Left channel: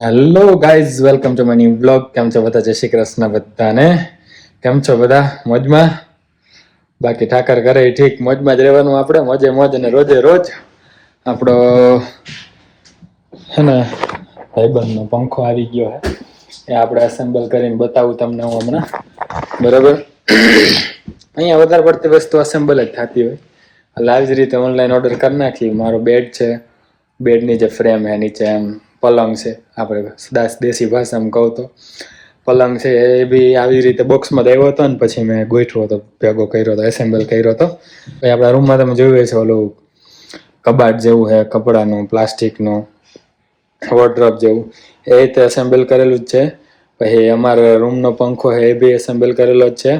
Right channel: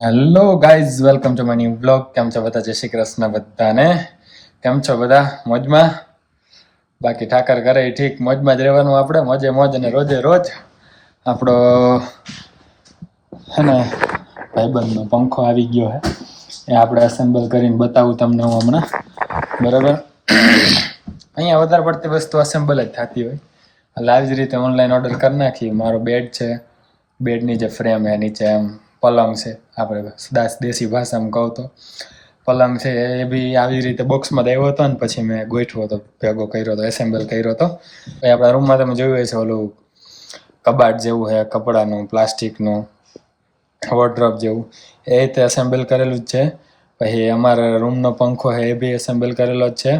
Hello guys, welcome to my new blog. કેમ છો બધા? જય શ્રી કૃષ્ણ બધાને. કેમ છો બધા? મોજમાં? બાકી ઠાકર કરે ઠીક, મોજમાં જ રહેવાનું આપણે, મોજે મોજ અને રોજે રોજ. આપણો હે ને ભાઈબંધનો પંખો આવી ગયો હે, એ આપણે એસેમ્બલ કરીને બતાવું તમને હું હમણાં. બરાબર, અહીંયા વધારે પડતી વસ્તુ એસેમ્બલ જ થતી હોય, એટલે આવી જ રીતે ઓનલાઈન ઓર્ડર કરી નાખી. મારો બેડ છે, બેડની જે ફ્રેમ હે, નીચે એમ પલંગ છે, આપણે દેશી ભાષામાં કહું તો પલંગ છે, એ બી આવી રીતે બોક્સમાં જ આવ્યો હતો ને પછી મેં ગોઠવો હતો, ભેગો કર્યો હતો, એસેમ્બલ કર્યો હતો. પછી આપણા રૂમમાં તમે જોયું છે ઓલું કબાટ જેવું છે, કપડાનું, પ્લાસ્ટિકનું વોર્ડરોબ જેવું, એ રીતે એસેમ્બલ કરેલું જ છે. પછી અમારા રૂમનો પંખો છે, એ બી એસેમ્બલ કરેલો જ છે.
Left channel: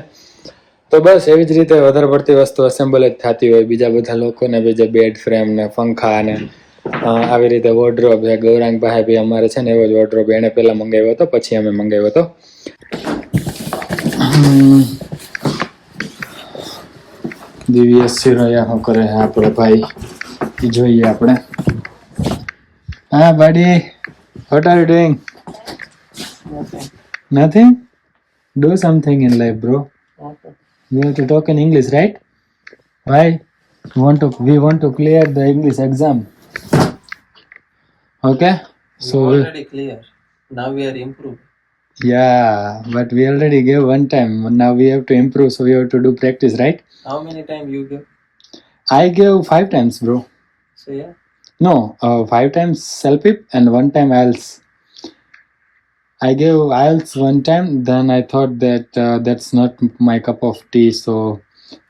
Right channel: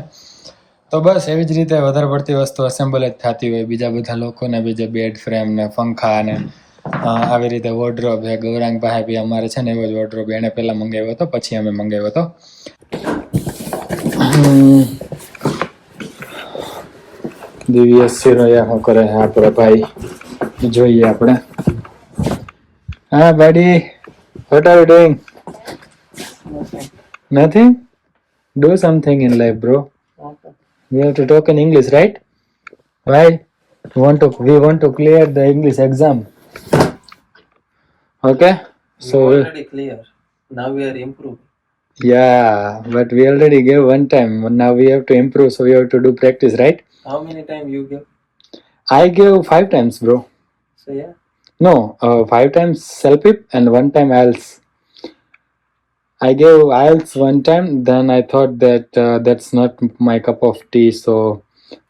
તો બસ એવી જ રીતે વધારે પડતી વસ્તુ એસેમ્બલ જ થતી હોય. બીજા બધા લોકોને બીજા બેડ ફ્રેમ ને પંખા ને આવી રીતે વોર્ડરોબ છે. ગૌરાંગ પાસે બી અમારે છે ને એવો જ વોર્ડરોબ એને પહેલા મંગાવ્યો હતો, પછી અમે મંગાવ્યો હતો. દિવ્યેશ શિરોયા શું કરે છે આપણે ભાઈ, જોઈએ આપણે. હા buddy, what are you doing? Nothing? Do something in life, bro. Okay. We have to talk in English, right? Why? We want to clear the English exam. Okay? So we already clear. Now we are improved. Yeah, but we already gave one time. Now we have to improve, so we have to do practice, right? How many times you give? I gave 5 times, bro. So yeah. No, 5 times self-pip and 1 time IELTS. I gave IELTS 1 time, then I thought that that's not my cup of tea, so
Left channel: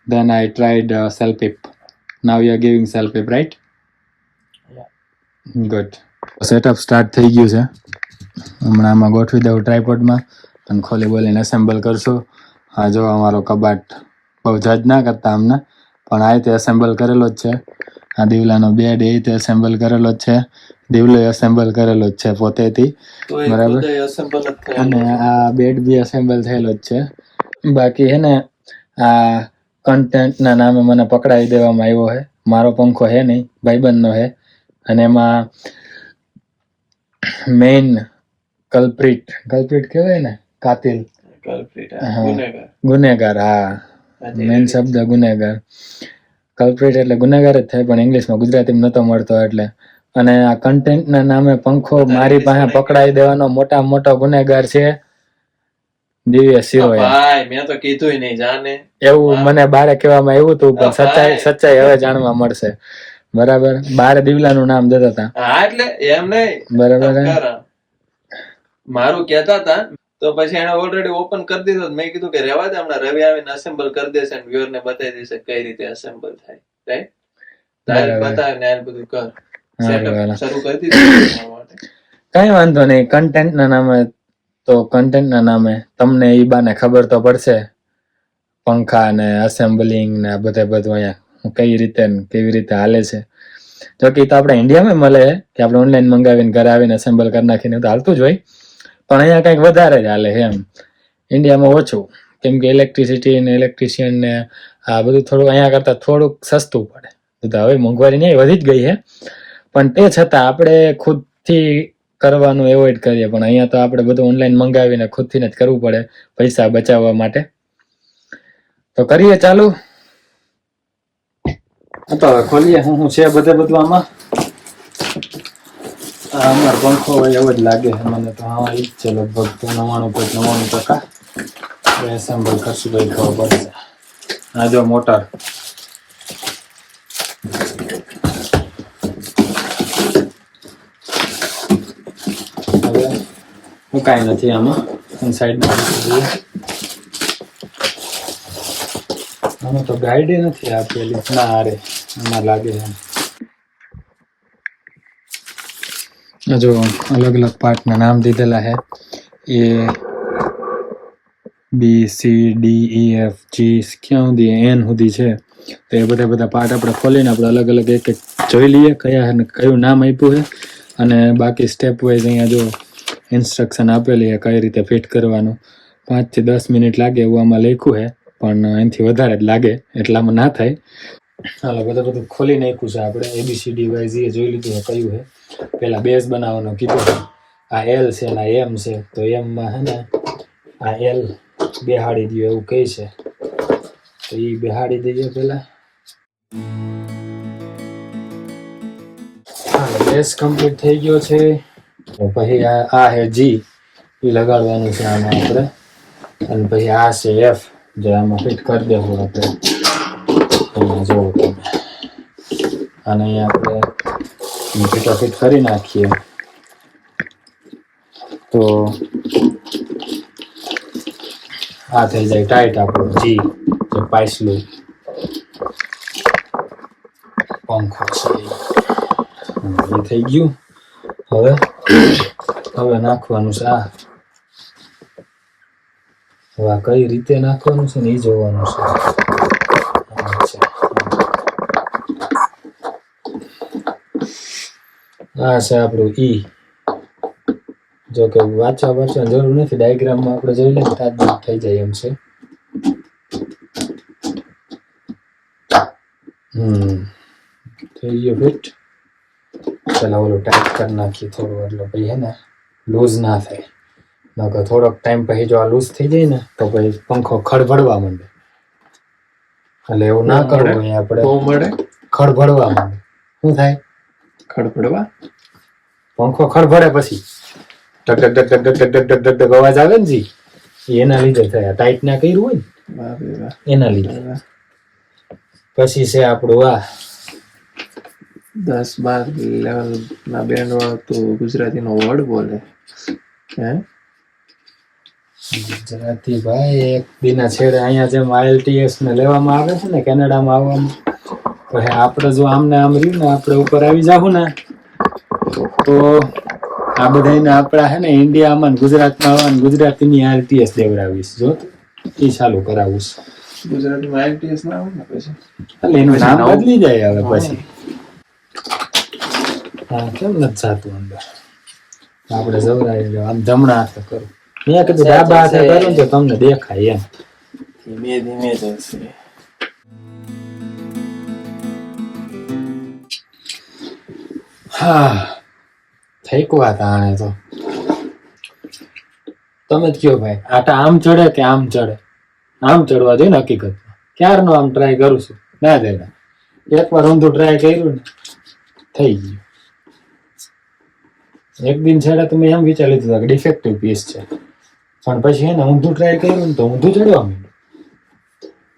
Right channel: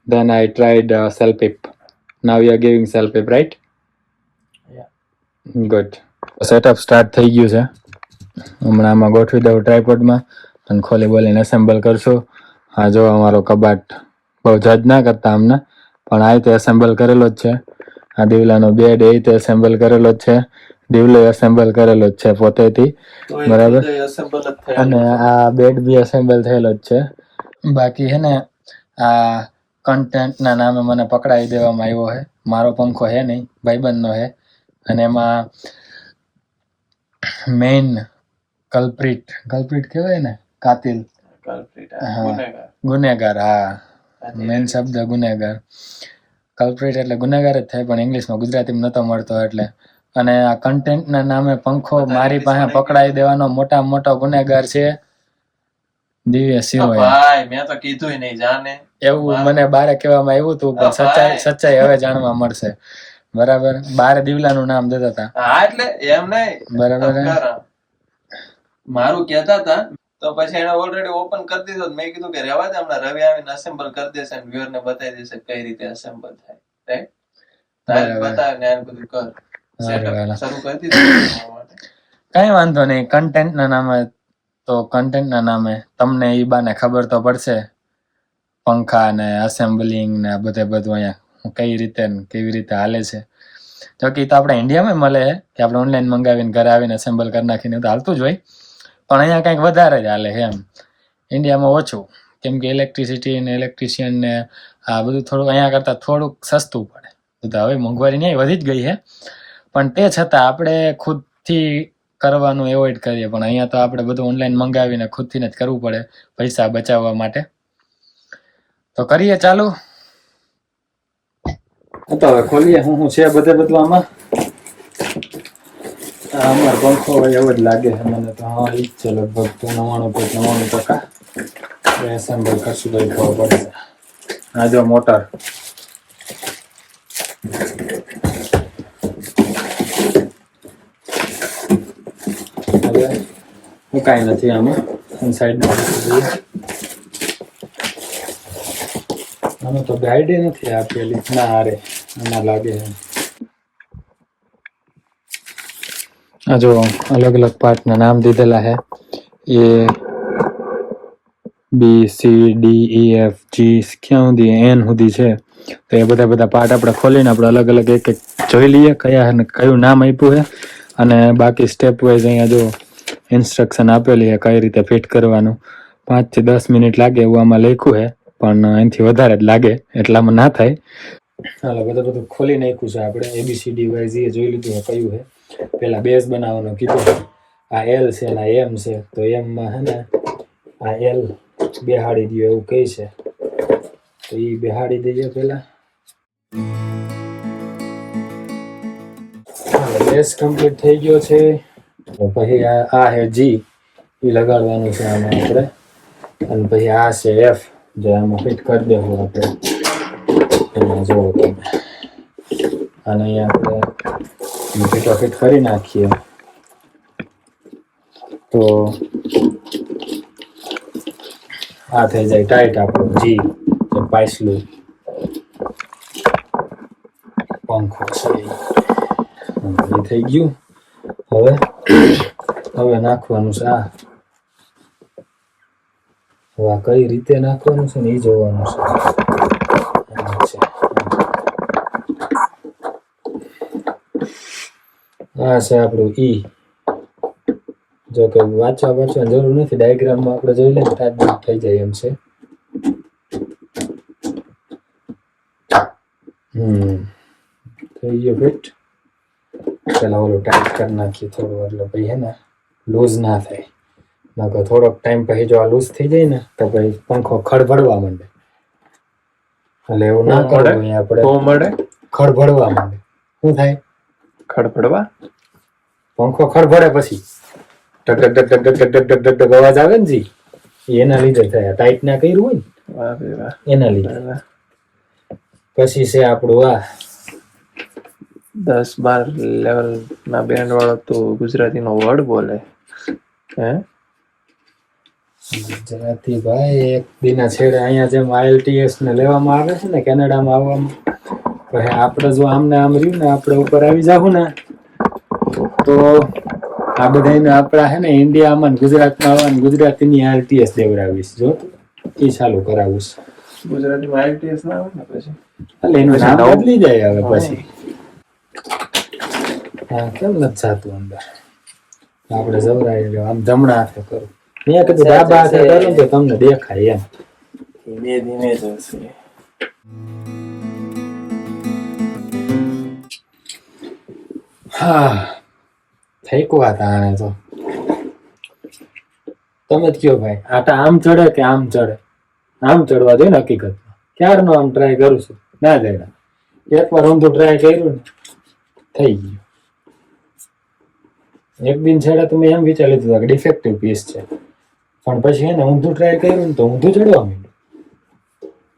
then I tried self-pip. Now you are giving self-pip, right? Yeah. Good. Setup start થઈ ગયું છે. હમણાં આમાં ગોઠવી દઉં ટ્રાયપોડમાં અને ખોલી બોલીને એસેમ્બલ કરશું. હા જો અમારો કબાટ બહુ જજ ના કરતા અમને, પણ આ રીતે એસેમ્બલ કરેલો જ છે. આ દીવલાનો બેડ એ રીતે એસેમ્બલ કરેલો જ છે. દીવલો એસેમ્બલ કરેલો જ છે પોતેથી, બરાબર. અને આ બેડ બી એસેમ્બલ થયેલો જ છે. બાકી હે ને આ કન્ટેન્ટના નામે મને પકડાવી દેવામાં આવ્યો છે. મારો પંખો હે નહીં, ભાઈબંધનો હે, અને એમાં મેઇન કલ્પ્રિટ કહેવાય ને, કાતિલ, ગુનેગાર. હા, મેઇન શબ્દ ગુનેગાર. કલ્પ્રિટ એટલે ગુનેગાર જ થાય, પણ ઇંગ્લિશમાં ગુજરાતીમાં નતો મળતો એટલે. અને આ કન્ટેન્ટના નામે પંખો મારી પાસે પકડાવી દેવાનો મોટો ગુનેગાર છે દિવ્ય શિરોયા. ભાઈ મેં તો કીધું નહીં, જાને એવું મને બારે કહેવામાં આવ્યું હતું, પણ સચ્ચાઈ હવે જાણવા મળશે. બરાબર, બારે દીવલાનું નામ દેતા હતા. હા એટલે એમ નહીં, બરાબર. મારું કહેતા હતા તો પછી એને ઓલરેડી ઓપન કરી દીધો. મેં કીધું કે રહેવા દે, હમણાં રવિ આવીને અસેમ્બલ કરી દેશે અને વ્યુઅર ને બતાવી દેશે કઈ રીતે અસેમ્બલ થાય, રાઈટ? તારે બતાવે ને આ બધું કર, સેટઅપ શરૂ કરી દીધું. કઈ વાંધો નહીં. કન્ટેન્ટના નામે તમને ઈ બાને ખબર તો પડશે પંખા ને એસેમ્બલિંગ ને બધું અહીંયા કઈ રીતે ને કેવી રીતે હાલે છે. જો કે તો આપણે ઇન્ડિયામાં મળે કે આપણે ઓનલાઈન મંગાવીને ઘરે આવીને એસેમ્બલ કરી નાખીને તો હાલતું જ હોય, પણ અહીંયા કંઈક વધારે જ હાલે એમ. ઇન્ડિયામાં ઓછું, કેમ કે ઇલેક્ટ્રિસિટી ને ઇલેક્ટ્રિશિયન ને આ બધું થોડું અહીંયા કરતાં થોડુંક સસ્તું પડે. હવે મોંઘવારી નહીં વધી જ ગઈ છે, પણ તે છતાં આપણે ખુદથી કરવાનું એવોઇડ કરીએ. પણ અહીંયા તો આપણે બધું ઓનલાઈન મંગાવીને ખુદથી જ કરવું પડે પૈસા બચાવવા માટે. તો કરીએ ચાલુ. તો હવે ખોલીએ શું છે બધું આમાં. અમારો પંખો હોય એવો જ લાગે છે મને તો. હા ઈ જ છે લગભગ 99% એસેમ્બલ કરશું ભાઈ, ખબર પડશે. આ જો મોટર, હવે હું કાંઈ નથી આમાં. સાઈડમાં આમાં તો ગાઈડ નથી આપેલી ના. અરે આમાં લાગે છે આ જો અલગ અલગ પાર્ટના નામ દીધેલા છે. A B C D E F G ક્યાં સુધી એન સુધી છે. તો એ બધા પાર્ટ આપણે ખોલીને આપણે અલગ અલગ એક જોઈ લઈએ કયું નામ આપ્યું છે. અને બાકી સ્ટેપ વાઇઝ અહીંયા જો ઇન્સ્ટ્રક્શન આપેલી છે કઈ રીતે ફિટ કરવાનું. 5 થી 10 મિનિટ લાગે એવું આમાં લખ્યું છે, પણ એનાથી વધારે જ લાગે, એટલામાં ના થાય. હાલો બધું ખોલી નાખ્યું છે આપણે. ABCD વાઇઝ એ જોઈ લીધું છે કયું છે. પેલા બેઝ બનાવવાનો કીધો, આ એલ છે ને આ એમ છે, તો એમ માં હે ને આ એલ બેહાડી દો એવું કહે છે, તો એ બેહાડી દઈએ પેલા. બેસ કમ્પ્લીટ થઈ ગયો છે. પછી આ હે જી, એ લગાડવાનું છે આમાં આપણે, અને પછી આ છે એફ, જે આમાં ફિટ કરી દેવું આપણે. એમાં જોવો તમે, અને અહીંયા આપણે ફિટ કરી નાખીએ તો આ થઈ જાય ટાઈટ આપણું જી, જે પાછલું પંખો છે એ થઈ ગયું. હવે નાખવાનું છે આ. હવે આ કઈ રીતે નાખવાનું છે ને એ જોવાનું છે. આ છે આપણું ઈ. જો કે વાંચવાની જરૂર નથી, ડાયાગ્રામમાં આપણે જોઈ લઈએ તાજ થઈ જાય એમ છે. થઈ ગયો ફિટ. પેલા ઓલું ટાઈટ કરી નાખીએ થોડું, એટલે પછી હે ને લૂઝ ના થાય. નકર થોડોક ટાઈમ પછી જો આ લૂઝ થઈ જાય ને તો પછી પંખો ખડભડવા માંડે. એટલે એવું ના કરવું હોય આપણે. ખડભડવા માંડે. શું થાય? ખડભડવા. પંખો ખડભડે પછી ટક ટક ટક ટક ટક ટક ટક ટક અવાજ આવે ને જી, એના લીધે થાય. ટાઈટ ના કર્યું હોય ને એના લીધે. પછી છે આપણું આ 10-12 લેવલ ના બેન્ડ વાળો તો ગુજરાતી નો વર્ડ બોલે હે. ગુજરાતી ભાઈ એક દીના છેડે અહીંયા જેમ IELTS ને લેવામાં આવે છે ને કેનેડામાં આવવામાં, પછી આપણે જો આમને આમ રહ્યું ને આપણે ઉપર આવી જાવું ને તો આ બધાને આપણા હે ને ઇન્ડિયામાં ગુજરાતમાં આવવાનું ગુજરાતીની IELTS દેવડાવીશ. જો એ ચાલુ કરાવું છે. ગુજરાતીમાં IELTS ના આવે ને પછી એટલે એનું નામ બદલી જાય હવે પછી. હા, કેમ નથી જાતું અંદર? આપણે જવરાઈ આમ જમણા હાથે કરું. મેં કીધું ડાબા હાથે કરું તો તમને દેખાય એમ. ધીમે ધીમે જશે. હા, થઈકવા તાણે તો તમે જ કયો ભાઈ, આટા આમ ચડે કે આમ ચડે? આમ ચડવા જોઈએ ને હકીકતમાં. ક્યારનો આમ ટ્રાય કરું છું, ના જાય. એકવાર ઊંધું ટ્રાય કર્યું ને થઈ ગયું. એક દિન છેડે તો મેં એમ વિચારી લીધું કે ડિફેક્ટિવ પીસ છે, પણ પછી એને ઊંધું ટ્રાય કર્યું ને તો ઊંધું ચડવા માંડ્યું.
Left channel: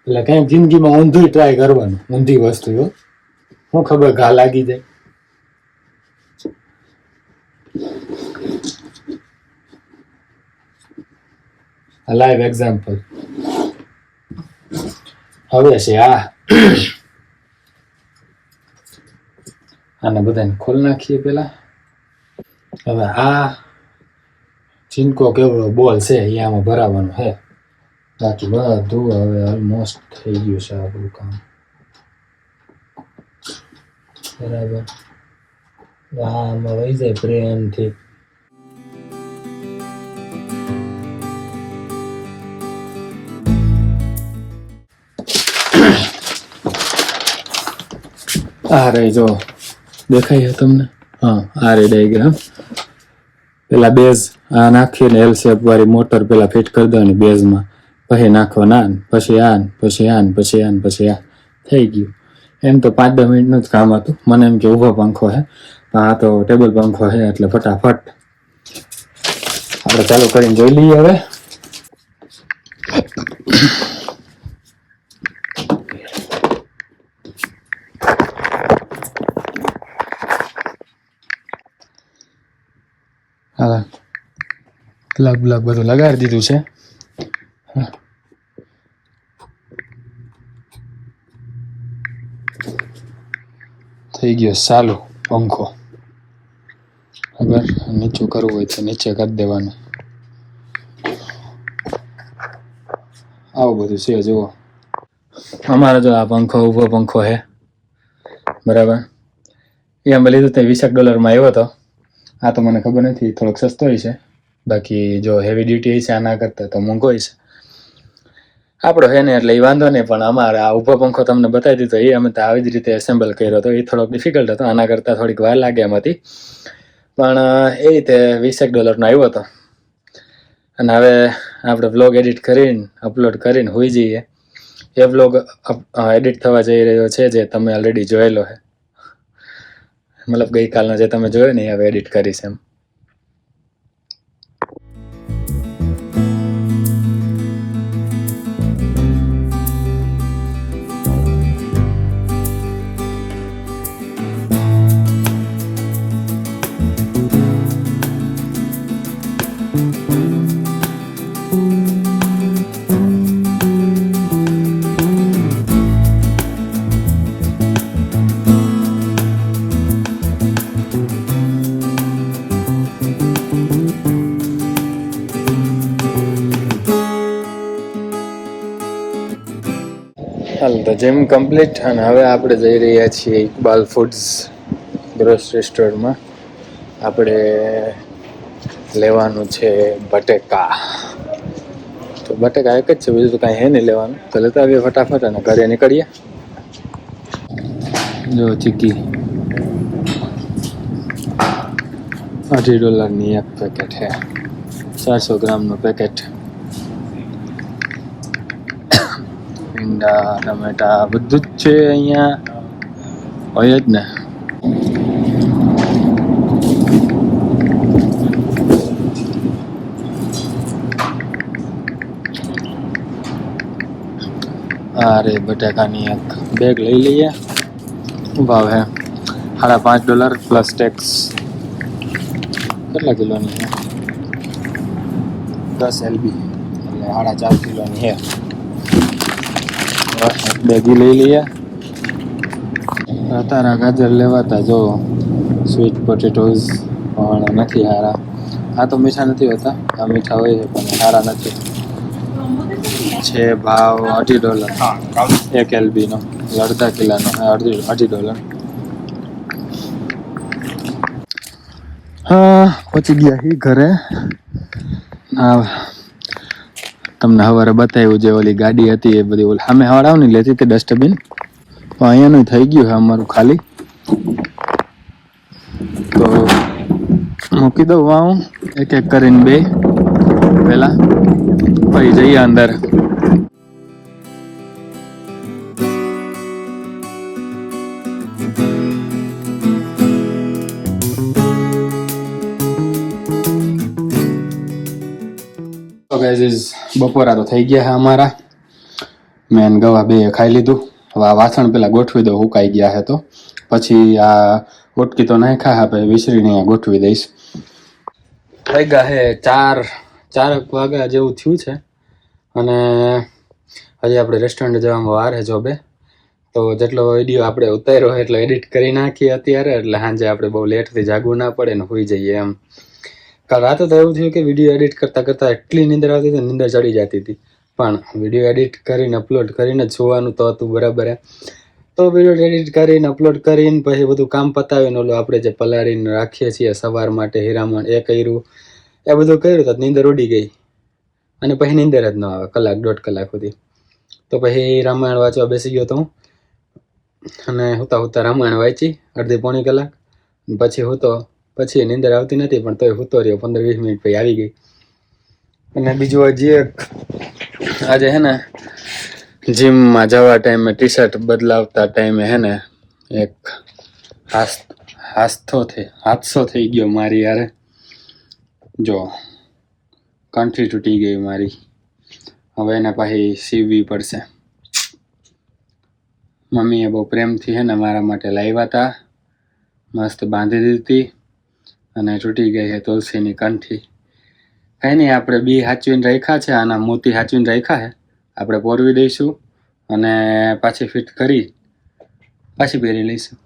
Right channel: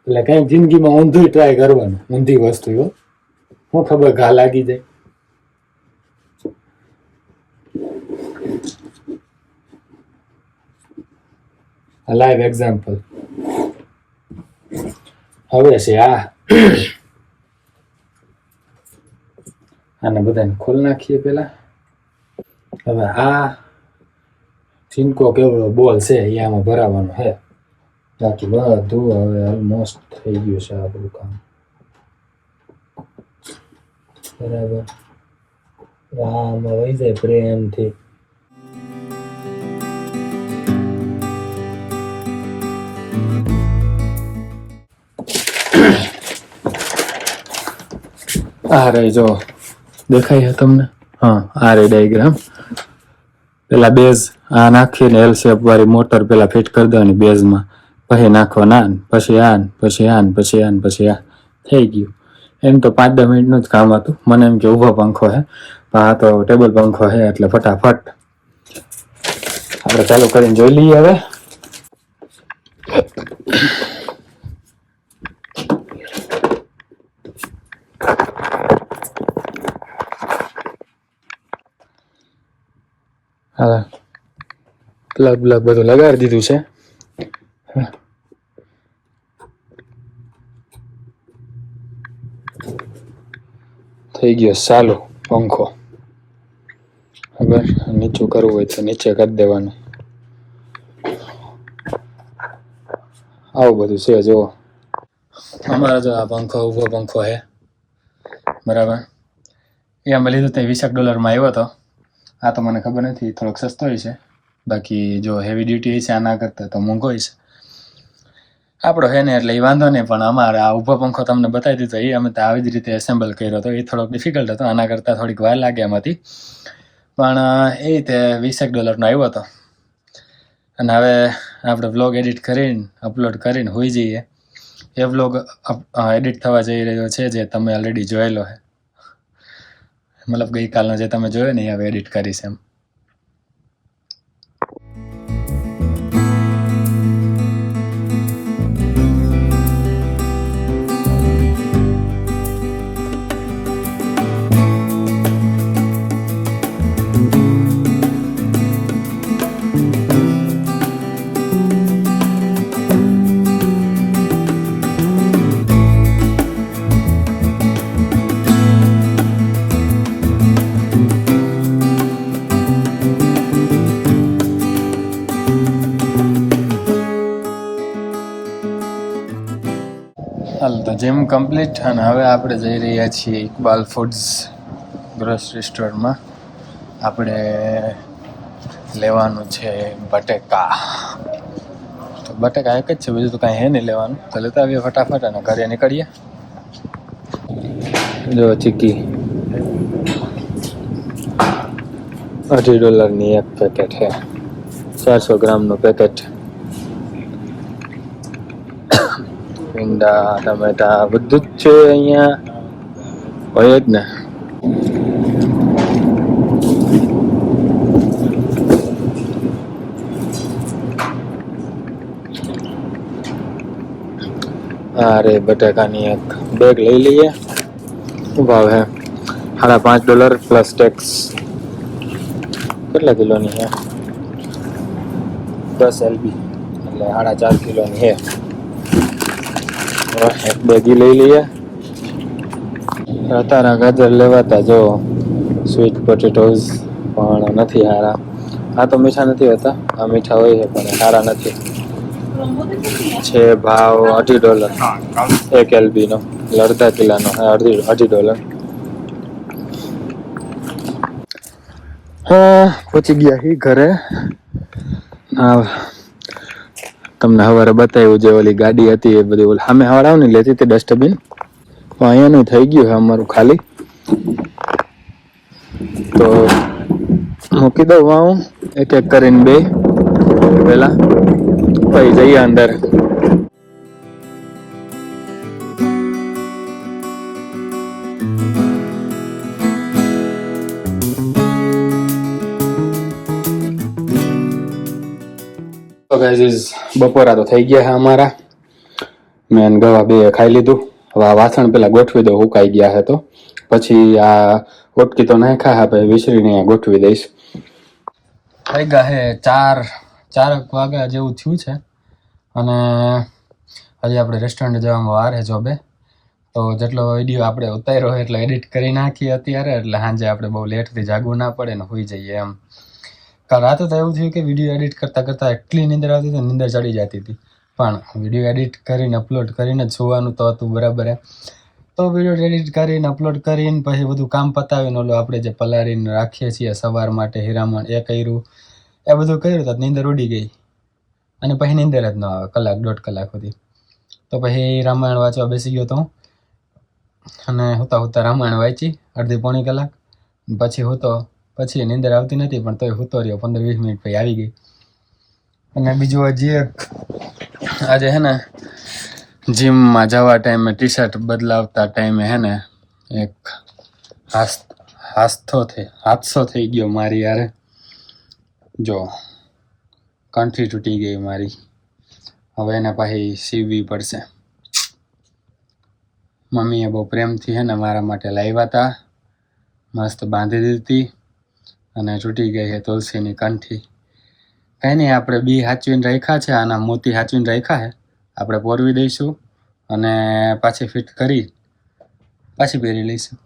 એટલે કઈક જિંદગીમાં ઊંધું ટ્રાય કરવાનું, ઊંધી વસ્તુ. હું ખબર ઘા લાગી જાય. લાઈવ એક્ઝામ્પલ હવે છે આ. આને બધાને ખોલ નાખીએ પેલા. હવે આ ચીનકો કેવડો બોલ છે એ આમાં ભરાવાનો છે. બાકી બધું હવે ઓલમોસ્ટ થઈ ગયું છે આપણું કામ. બરાબર. આમાં વહી જાય પ્રેમથી. આ રે જો દેખાય છે તમને? હા, આ રે ડાયાગ્રામ. પેલા બેઝ આ નાખીને એલ શેપ વાળી મોટર પેલા ફિટ કરી દેવાની બેઝમાં, પછી નાખવાના પછી આન પછી આન પછી આન પછી આ થઈ ગયું. એમ તો 5-10 મિનિટનું જ કામ હતું. મને એમ કે ઊભો પંખો છે, પણ આ તો ટેબલ પંખો છે એટલે ફટાફટ આપણે ચાલુ કરીને જોઈ લઈએ. હવે હા, પ્લગ બધું લગાડી દીધું છે. થઈ ગયો ચાલુ પંખો. અગર નીચું કરવું હોય તો નીચે કરી દેવાનું. આવું બધું છે. જુઓ, અમારો જો આ પંખો ઊભો પંખો છે, બરાબર. એ અમે લીધું તે $20 આવ્યો હતો. આ તો મને ખબર નથી, થોડોક સસ્તો છે. બાકી જો હેવી ડ્યુટી છે આના કરતા તો મોંઘો છે. આપણો હે ને એટલે એ વાંધો નહીં, પણ અમારે આ ઊભો પંખો તમને બતાવી દીધો એ અમે તો આવી જ રીતે એસેમ્બલ કર્યો હતો. એ થોડોક ડિફિકલ્ટ હતો, આના કરતાં થોડીક વાર લાગે એમ હતી. પણ એ રીતે $20 નો આવ્યો હતો. અને હવે આપણે વ્લોગ એડિટ કરીને અપલોડ કરીને હોઈ જઈએ. એ વ્લોગ એડિટ થવા જઈ રહ્યો છે, જે તમે ઓલરેડી જોયેલો છે. મતલબ ગઈકાલનો જે તમે જોયો ને, હવે એડિટ કરીશ એમ. હાલ તો જીમ કમ્પ્લીટ, અને હવે આપણે જઈ રહ્યા છીએ ઇકબાલ ફૂડ્સ ગ્રોસરી સ્ટોરમાં. આપણે લેવાનું છે બટેકા. તો બટેકા એક જ છે, બીજું તો કાંઈ હે નહીં લેવાનું. તો લેતા આવીએ ફટાફટ અને ઘરે નીકળીએ. જો ચીકી $2.50 એક પેકેટ છે, 400 ગ્રામનું પેકેટ. ભીંડા, ટમેટા બધું જ છે અહીંયા, હોય જ ને. અરે બટાકાની એક બેગ લઈ લઈએ. શું ભાવ હે? $5.5 પ્લસ ટેક્સ. કેટલા કિલોની છે? 10 LB એટલે 4.5 કિલોની છે. એક બેગી લઈ લઈએ. તારા ગાજર લેવાતા જો સ્વીટ પોટેટોઝ પણ નથી સારા. આ તો મીઠા નથી હોતા, આ મીઠા હોય છે પણ સારા નથી. છે ભાવ $2.50 એક LB નો, અડધા કિલોનો $2.50. હા, પહોંચી ગયા હી ઘરે. તમને સવારે બતાવ્યું જે ઓલી ગાડી હતી એ બધી ઓલી સામે હવાડાવની લેતી હતી ડસ્ટબિન, તો અહીંયાનું થઈ ગયું છે અમારું ખાલી. તો મૂકી દઉં હું એક એક કરીને બે પેલા, પછી જઈએ અંદર. તો ગાઈઝ બપોરા તો થઈ ગયા છે અમારા. મેં ગવા બે ખાઈ લીધું. હવે આ વાસણ પેલા ગોઠવી દો, હુકાઈ ગયા છે. તો પછી આ ઓટકી તો નાખ્યા છે, પછી વિસરીને અહીંયા ગોઠવી દઈશ. થઈ ગયા છે 4 વાગ્યા જેવું થયું છે, અને હજી આપણે રેસ્ટોરન્ટ જવામાં વાર છે જોબે. તો જેટલો વિડીયો આપણે ઉતાર્યો એટલો એડિટ કરી નાખીએ અત્યારે, એટલે સાંજે આપણે બહુ લેટથી જાગવું ના પડે ને હોઈ જઈએ એમ. કાલ રાતે તો એવું થયું કે વિડીયો એડિટ કરતાં કરતાં એટલી નીંદર આવતી હતી, નીંદર ચડી જતી હતી. પણ વિડીયો એડિટ કરીને અપલોડ કરીને જ જોવાનું તો હતું બરાબર. તો વિડીયો એડિટ કરીને અપલોડ કરીને પછી બધું કામ પતાવીને ઓલું આપણે જે પલાળીને રાખીએ છીએ સવાર માટે હીરામણ, એ કર્યું. એ બધું કર્યું તો નીંદર ઉડી ગઈ, અને પછી નીંદર જ ન આવે 1-1.5 કલાક સુધી. તો પછી રામાયણ વાંચવા બેસી ગયો તો હું, અને હુતા રામાયણ વાંચી અડધી-પોણી કલાક. પછી નીંદર આવતી નથી, પણ તોય હુતો રહ્યો 15-20 મિનિટ પછી આવી ગઈ. અને બીજું હજી એક આજે હે ને જીમમાં જવા ટાઈમે ટી શર્ટ બદલાવતા ટાઈમે હે ને એક હાદસો થઈ ગયો મારી યારે. જો કંઠી તૂટી ગઈ મારી, હવે એને પાછી સીવવી પડશે. મમ્મીએ બહુ પ્રેમથી હે ને મારા માટે લાવ્યા હતા, મસ્ત બાંધી દીધી, અને તૂટી ગઈ છે તુલસીની કંઠી. કંઈ નહીં, આપણે બી સાચવીને રાખ્યા છે, આના મોતી સાચવીને રાખ્યા છે. આપણે પોરવી દઈશું અને પાછી ફિટ કરી પાછી પહેરી લઈશું.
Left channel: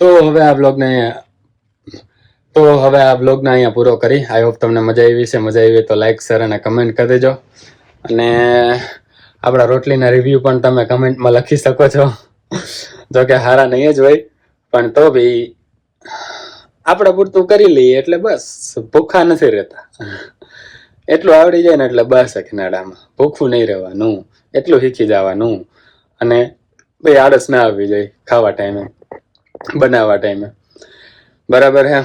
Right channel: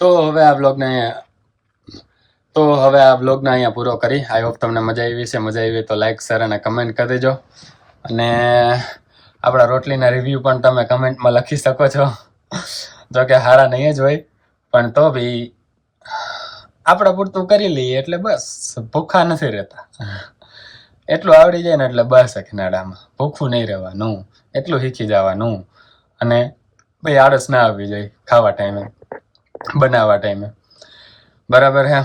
તો હવે આ બ્લોગને અહીંયા પૂરો કરી. આઈ હોપ તમને મજા આવી છે. મજા આવી તો લાઈક, શેર અને કમેન્ટ કરી દેજો. અને આપણા રોટલીના રિવ્યૂ પણ તમે કમેન્ટમાં લખી શકો છો. જો કે સારા નહીં જ હોય, પણ તો બી આપણે પૂરતું કરી લઈએ એટલે બસ, ભૂખા નથી રહેતા. એટલું આવડી જાય ને એટલે બસ કિનાડામાં ભૂખું નહીં રહેવાનું, એટલું શીખી જવાનું. અને ભાઈ આળસ ના આવવી જોઈએ ખાવા ટાઈમે. બનાવવા ટાઈમે, બરાબર હે.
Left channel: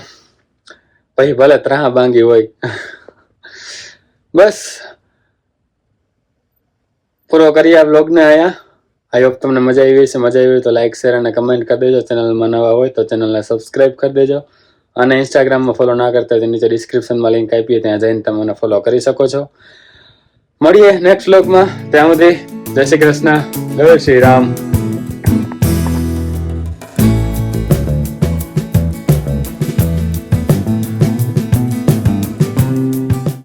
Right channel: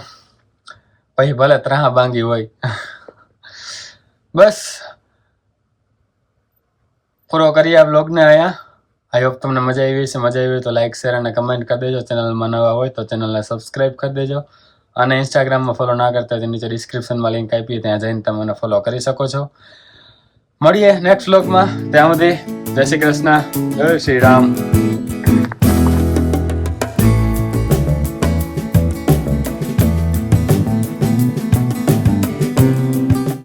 પછી ભલે ત્રાહ ભાંગી હોય. બસ પૂરો કરીએ આ બ્લોગને અહીંયા. આઈ હોપ તમને મજા આવી હશે. મજા આવી હોય તો લાઈક, શેર અને કમેન્ટ કરી દેજો. ચેનલમાં નવા હોય તો ચેનલને સબસ્ક્રાઈબ કરી દેજો. અને ઇન્સ્ટાગ્રામમાં ફોલો ના કરતા હોય તો નીચે ડિસ્ક્રિપ્શનમાં લિંક આપીએ, ત્યાં જઈને તમે મને ફોલો કરી શકો છો. મળીએ નેક્સ્ટ બ્લોગમાં. ત્યાં સુધી જય શ્રી કૃષ્ણ, જય શ્રી રામ.